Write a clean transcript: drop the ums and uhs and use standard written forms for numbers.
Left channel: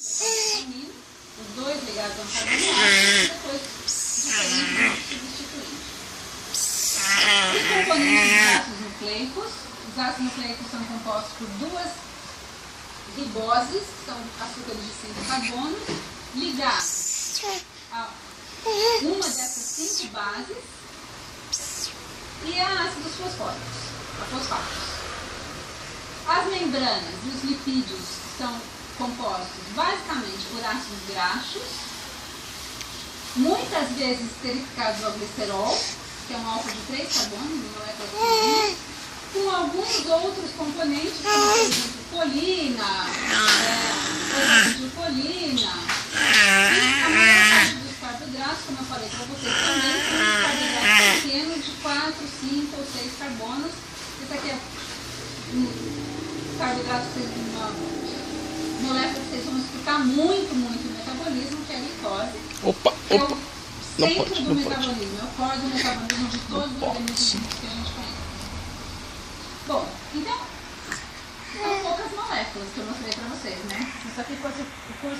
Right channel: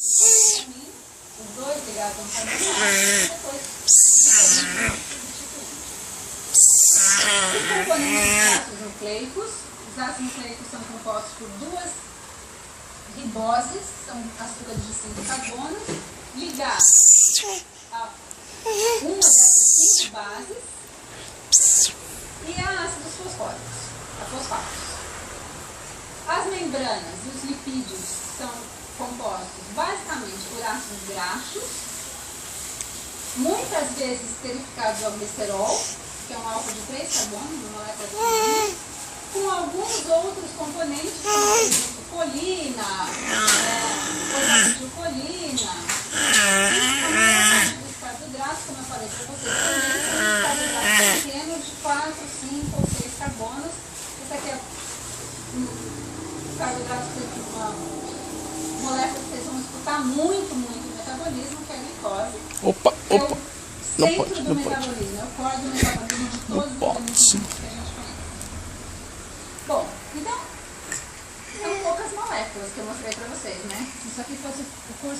Os dois ligados a um carboidrato, depois substituindo. Os componentes dos ácidos nucleicos. Os ácidos nucleicos são compostos por duas riboses, que são açúcares de 5 carbonos, ligados a uma dessas 5 bases e a ácidos fosfóricos, a fosfatos. As membranas e os lipídios são compostos basicamente por ácidos graxos, muitas vezes esterificados ao glicerol, que é um álcool de 3 carbonos, uma molécula de carbono, com alguns outros componentes, como por exemplo, colina, colina, e dos carboidratos, como eu falei para vocês também, são carboidratos pequenos de 4, 5 ou 6 carbonos. Esse aqui é um carboidrato que tem uma molécula que vocês vão escutar muito no metabolismo, que é a glicose. Opa! Não pode, não pode. É o core do metabolismo de todos os alimentos que a gente conhece. Bom, então, são poucas moléculas que eu mostrei para vocês, né? Se isso aqui fosse o curso